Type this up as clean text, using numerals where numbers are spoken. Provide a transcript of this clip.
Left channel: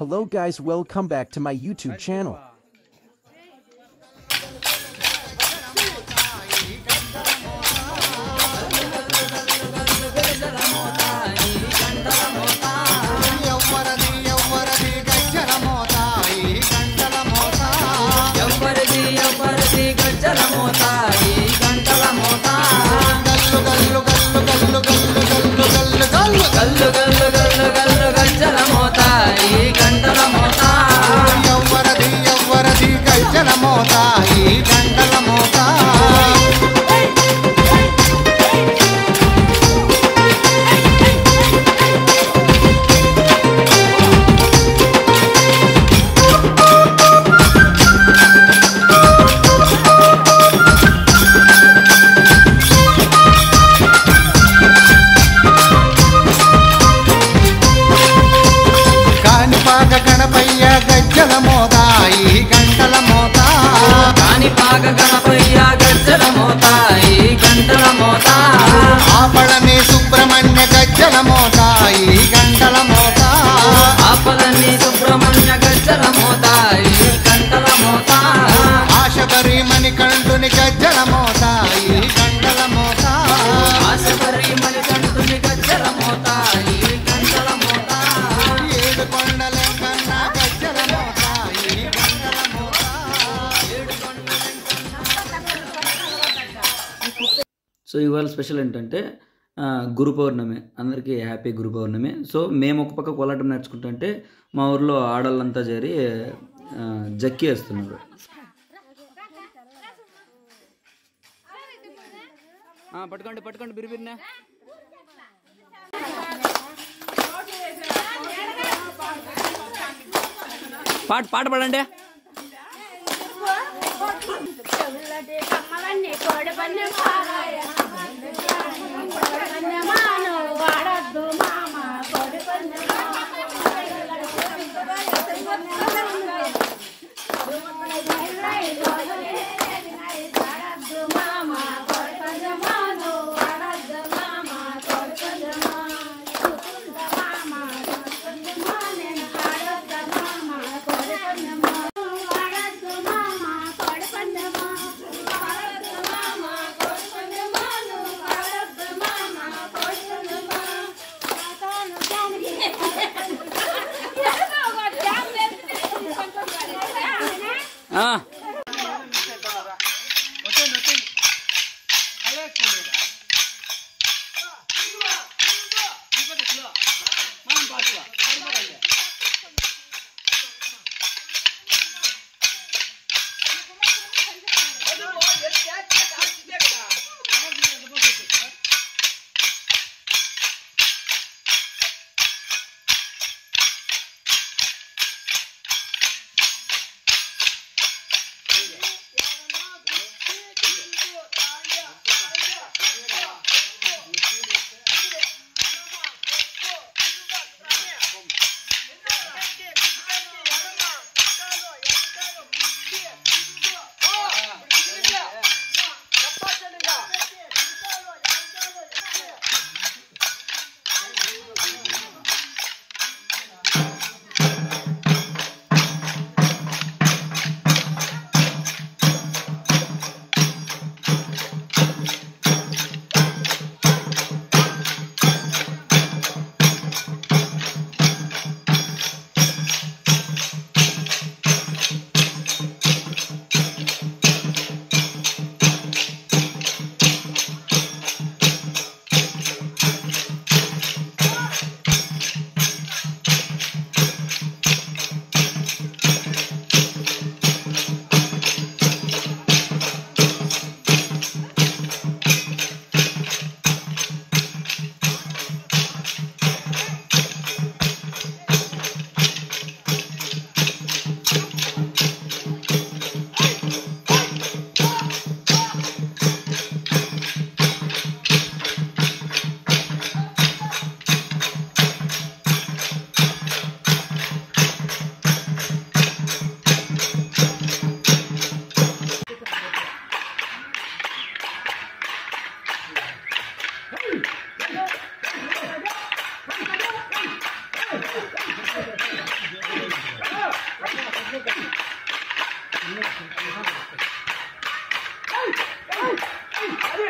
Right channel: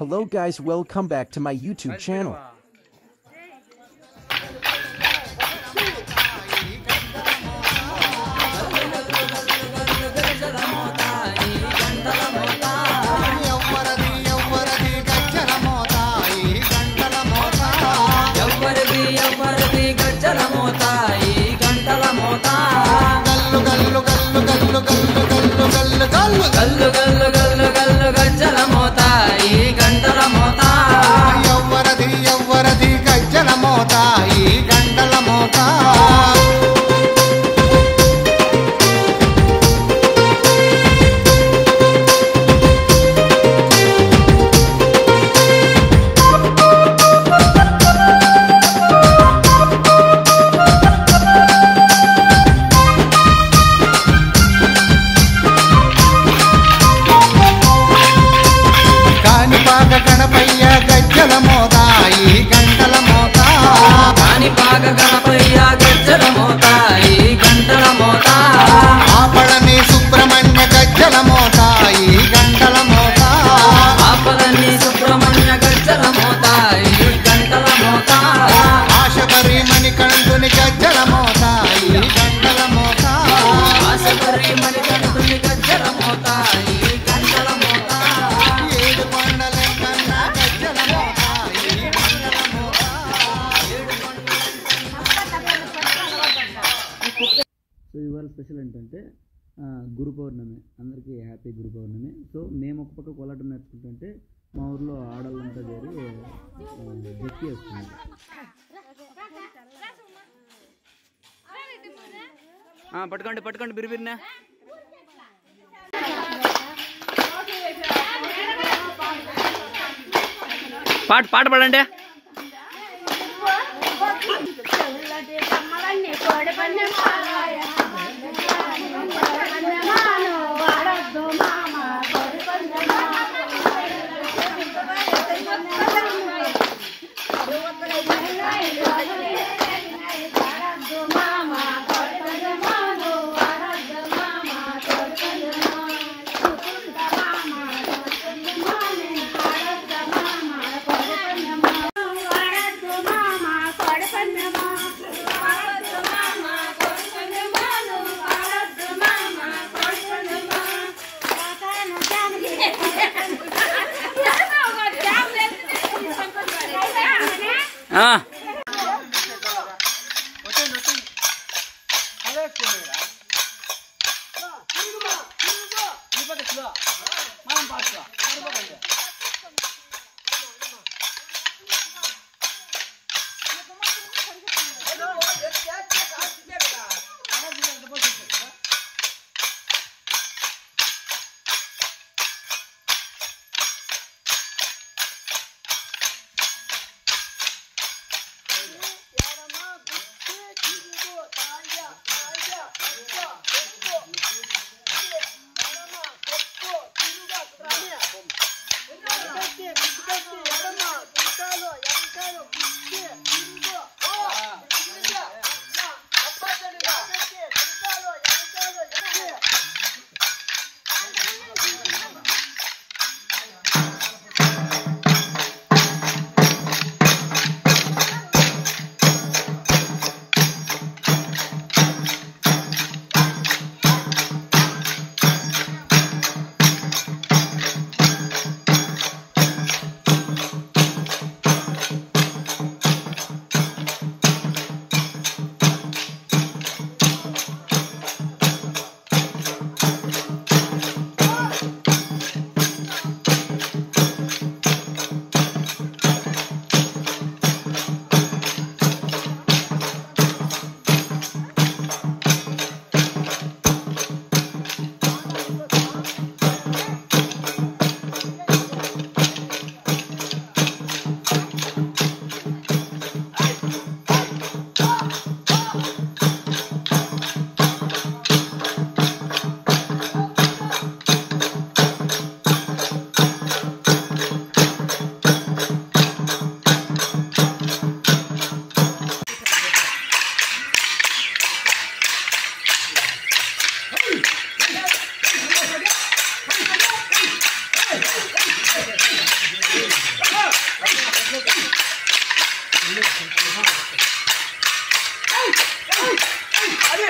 Hello guys, welcome back to my YouTube channel. ఎవ్వరిది గజ్జల మోతాయి గంటల మోతా గల్లు గల్లు గల్లు గల్లు గల్లు గల్లు గల్లు గల్లు గల్లు గల్లు గల్లు గల్లు గజ్జల మోతాయి గంటల మోతా ఎవ్వరిది గజ్జల మోతాయి గంటల మోతా కానిపాక గణపయ్య గజ్జల మోతాయి గంటల మోతా కానిపాక గణపయ్య గజ్జల మోతాయి గంటల మోతా ఆపళని సుబ్రహ్మణ్య గజ్జల మోతాయి గంటల మోతా ఆపళని సుబ్రహ్మణ్య గజ్జల మోతాయి గంటల మోతా ఆశబరి మణికంఠుని గజ్జల మోతాయి గంటల మోతా ఆశబరి మణికంఠుని గజ్జల మోతాయి గంటల మోతా ఏడు కొండలెంకన్న గజ్జల మోతాయి గంటల మోతా ఏడు కొండలెంకన్న. సో ఇవాళ స్పెషల్ ఏంటంటే గురు పౌర్ణమి, అందరికీ హ్యాపీ గురు పౌర్ణమి. సో మేము ఒక పక్క కోలాటం నేర్చుకుంటుంటే మా ఊర్లో ఆడవాళ్ళంతా చేరి జక్కి వేస్తున్నారు. పట్టుకోండి పట్టుకోండి బిరిబిరినా. పాట పాడండి. అదే